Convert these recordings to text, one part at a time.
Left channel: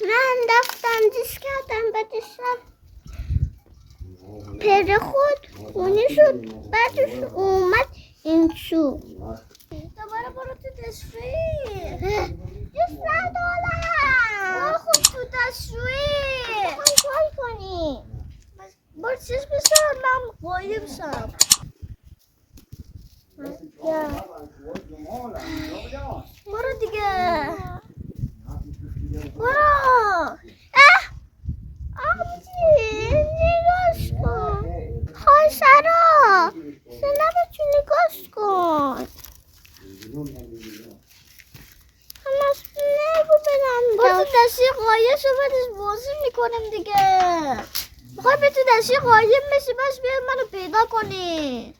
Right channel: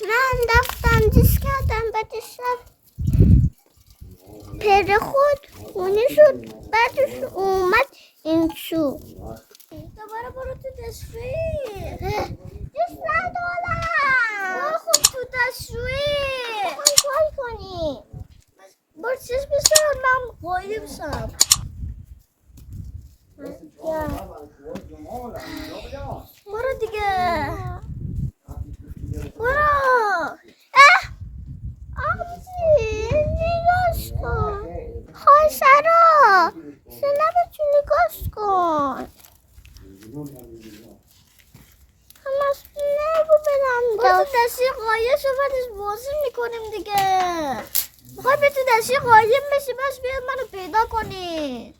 من رفتم دیس کردم بعد پدر خود خونه شد بعدش اومد این سو دوباره برو تو تصویر $200 برو خود تو تصویر کار کنی برو چیز بسر من قایب سم برو دیگه برو آبجی نگاش کن های سرا سنبتو نگاش کن همه نگو بدم برو تو دستی قایب شو بعدش بازی میکنیم دیگه بخوای به تو دستی قایب میشی بس بیاد منو پیدا کنی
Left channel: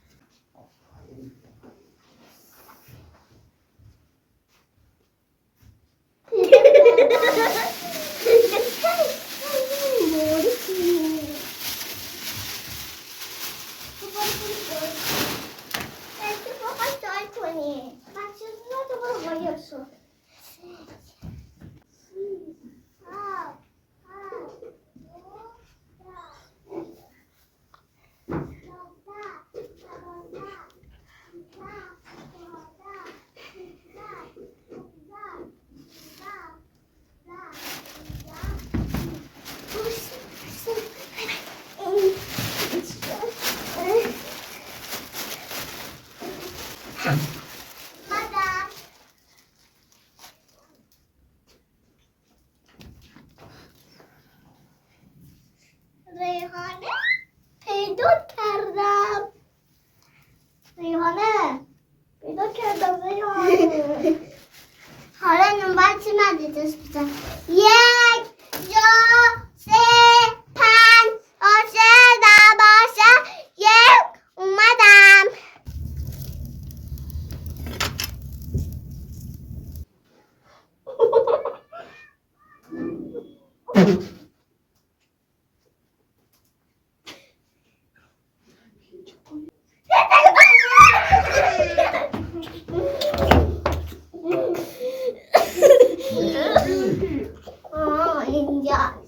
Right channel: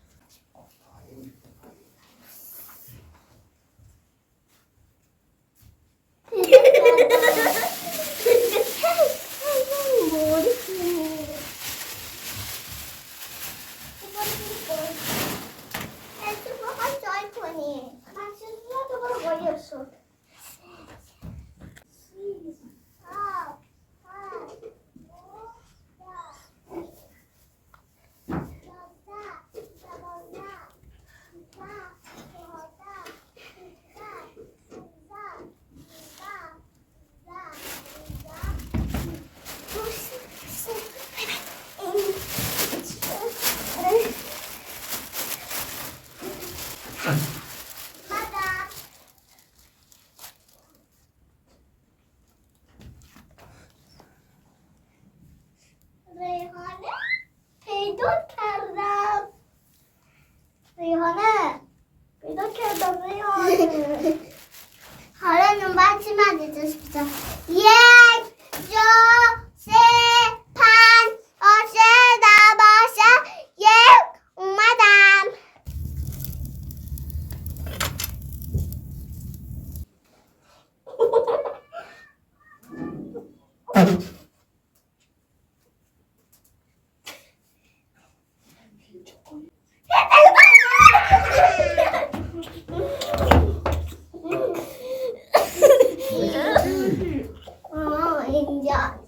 حالا نمبر چی مدیدش بزن 1 2 3 5 6 7 1 اومدم اینجا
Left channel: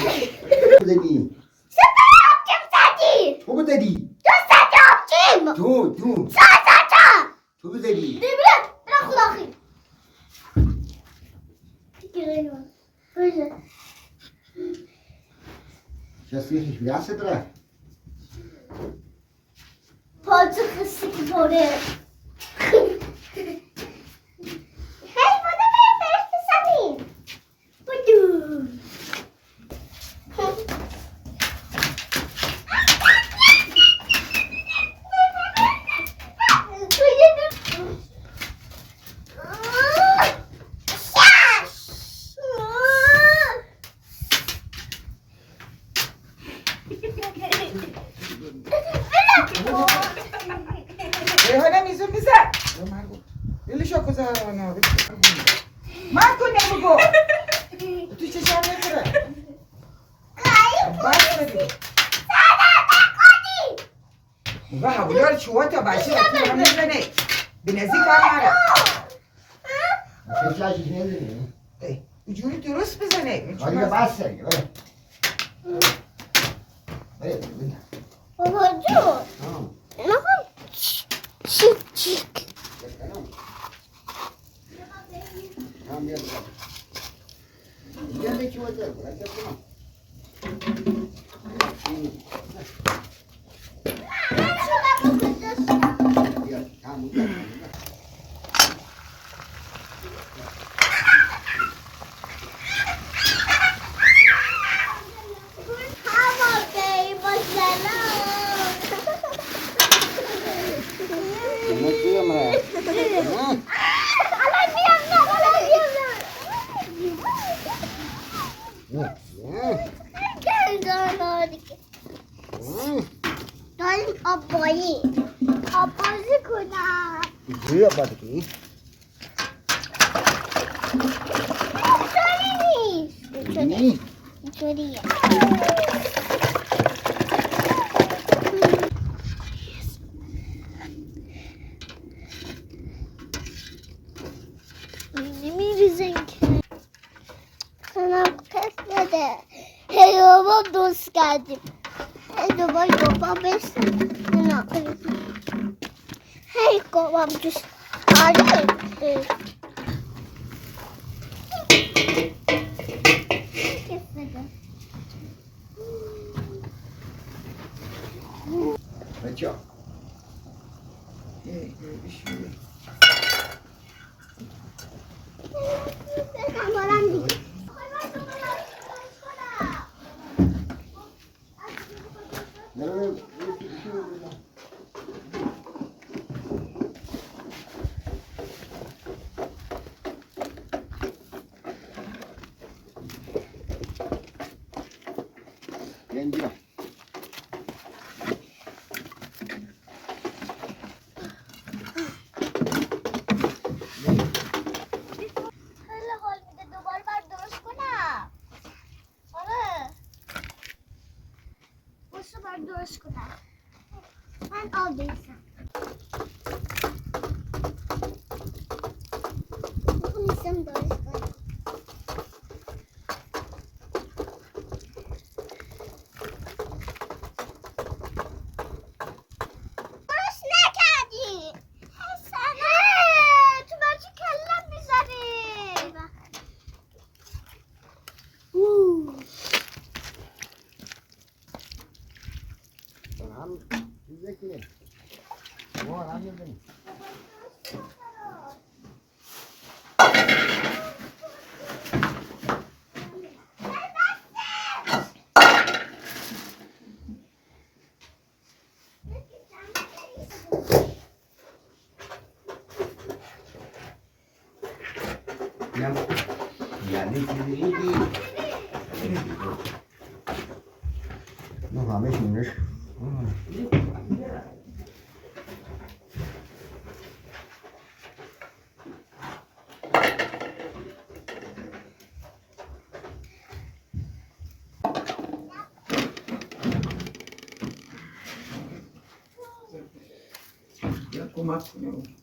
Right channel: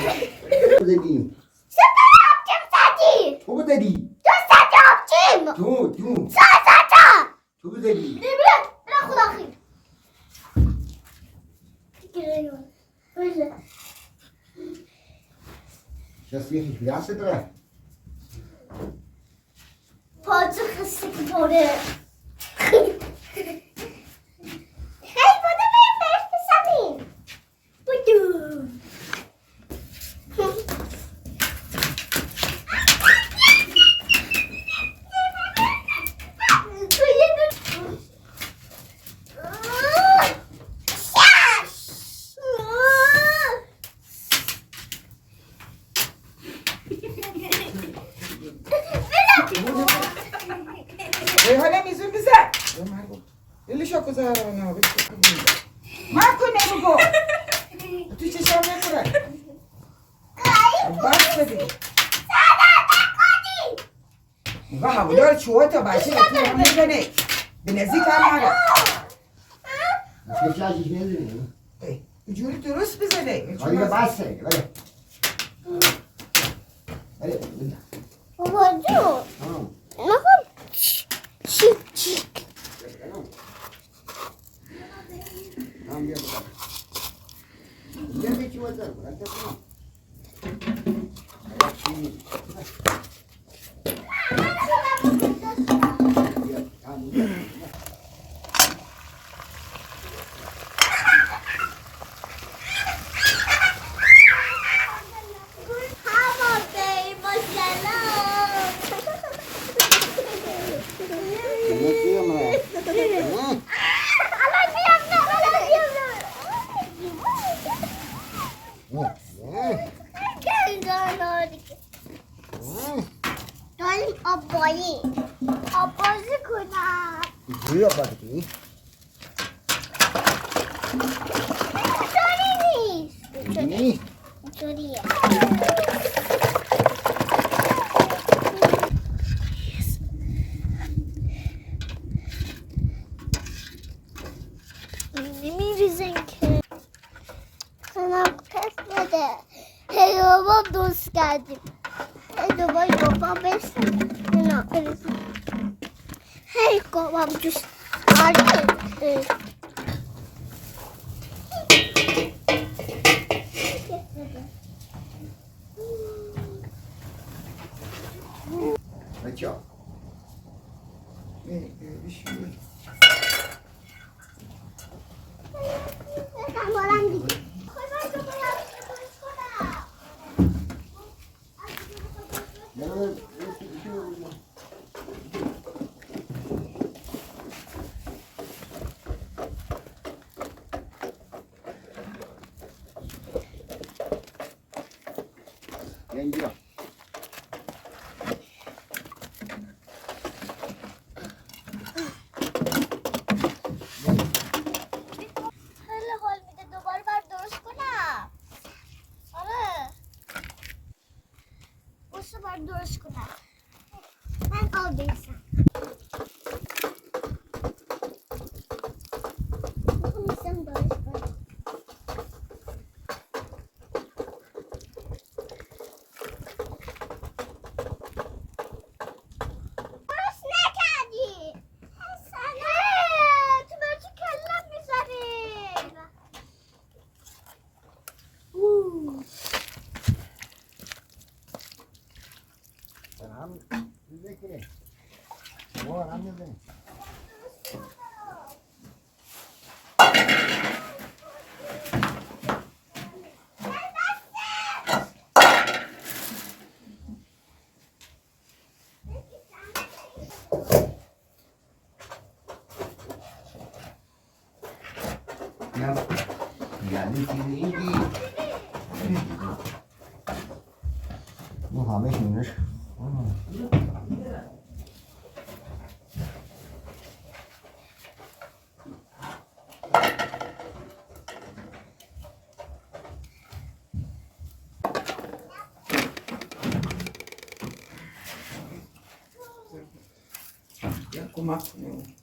زدی سپر آبجیم زدی تو زدی تو زدی آبجیم تو زدم تو زدی برا خدا خیر کسی خیش بیاسته داره پاچه خسته که باره خیلی بوده بریم برش بسمیم بودو حالا میزون بزن دلشو کجا نه من کنه بگو تو چشم نکنه بس بدی و حولا چوه تا باشه تو هم میزنه به نزدیک هم نره فشلش نزدی جوری درست بزنه آره بس سری بله بابا جون نخوام چیک چیک داریم آبازی کنم بویا بادکی اینطوری نیست اینطوریه نمیریزن که منم پس بده هی بابا دوست کردیم هی دوباره بابا بسن نه هی بابا دوست آره بچه اینجا خیلی حال میده دوباره باید درست کنم آره بسه باید درست کنم من آب بیسم میسم درست کنم درست نکردی حسنه تو برچه کلم میزنی هم چیزه که ما هم میزنیم یعنی چیزی نه همه شونش کمک کنیم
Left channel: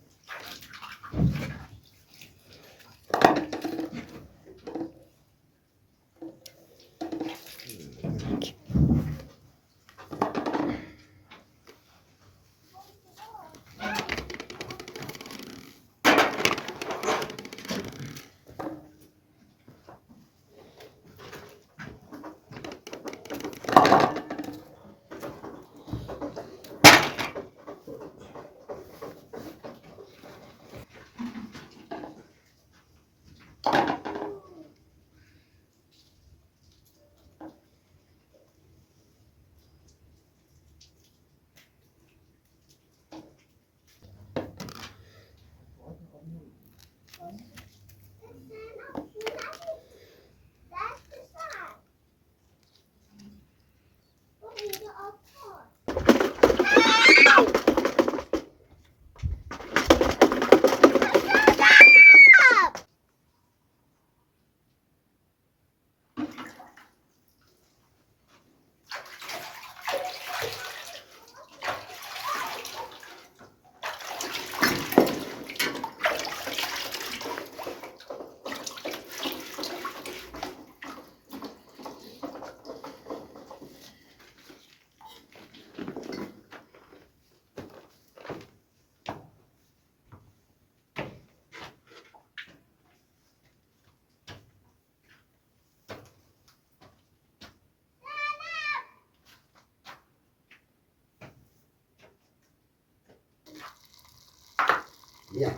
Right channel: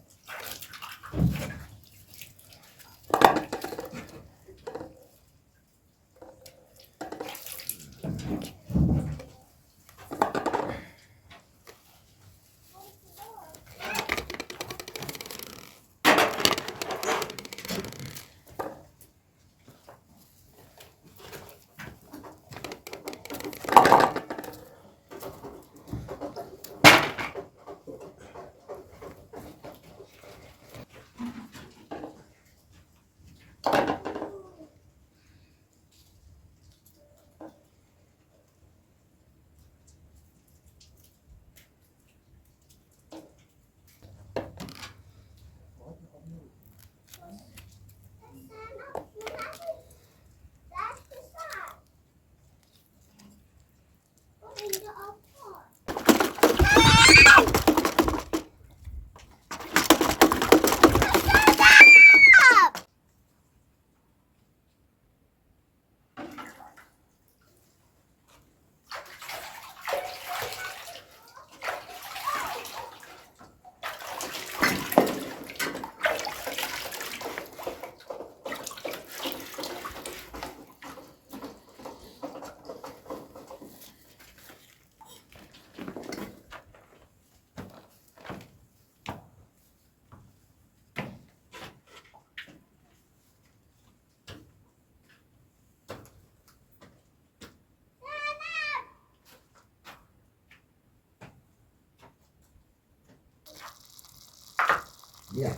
بیا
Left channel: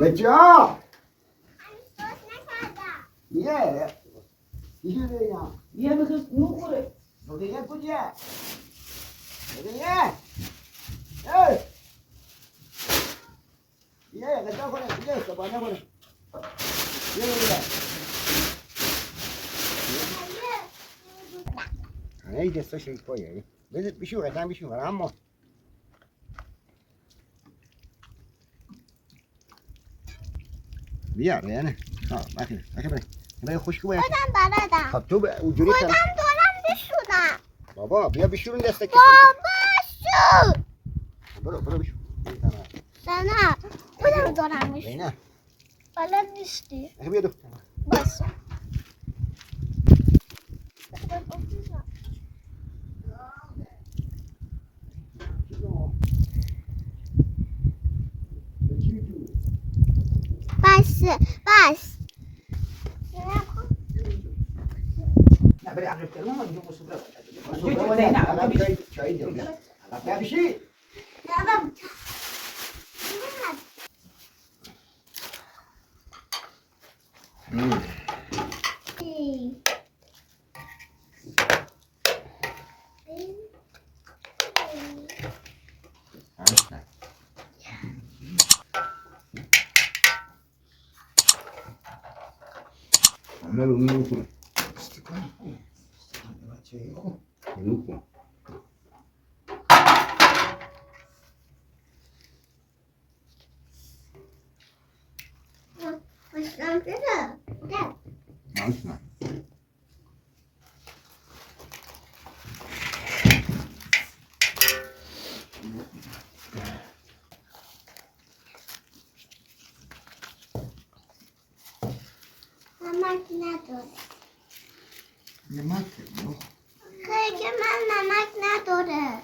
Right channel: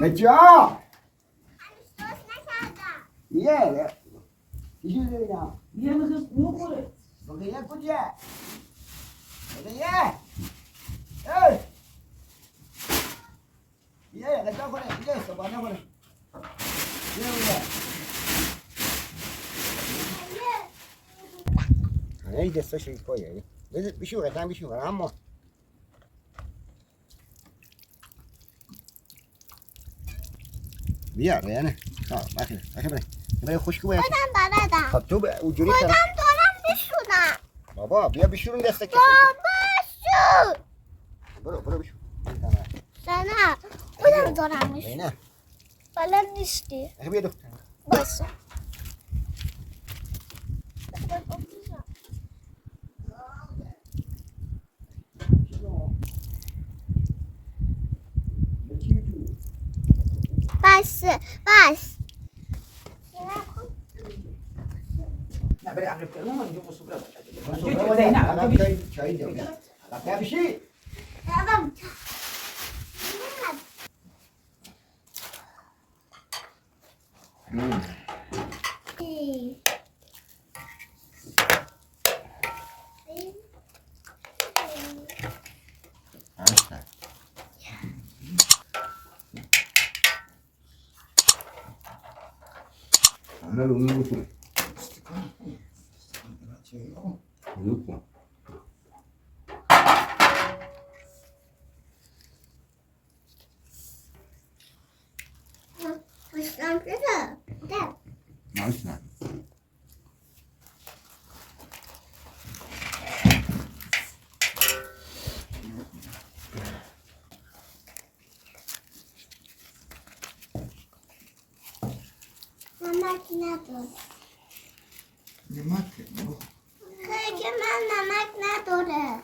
بچه‌ها یه چیزی دیدم یه میخواست نخوره بقیه کجا بقیه ای یه غذا کنه یه صبحانه کنه یه ای دستش رو پایه بشو قطعا بشو اما بیا ریانه بخیر برای خوشکو باید خودم بلدم. خب تو اونجوری خودم دارم بشونم. بابا بیا بشورون دسته بابا شو. برو بشور نه خودم دارم بشونم. نه بلد نیستی. بیا دختر باشه. بس نه برای عقل کردن من اینجا مسئول چای دیگه بیا بشی عمل رو میکنه بچه نه نمک نداره. نمک خیلی که من نمک نداره.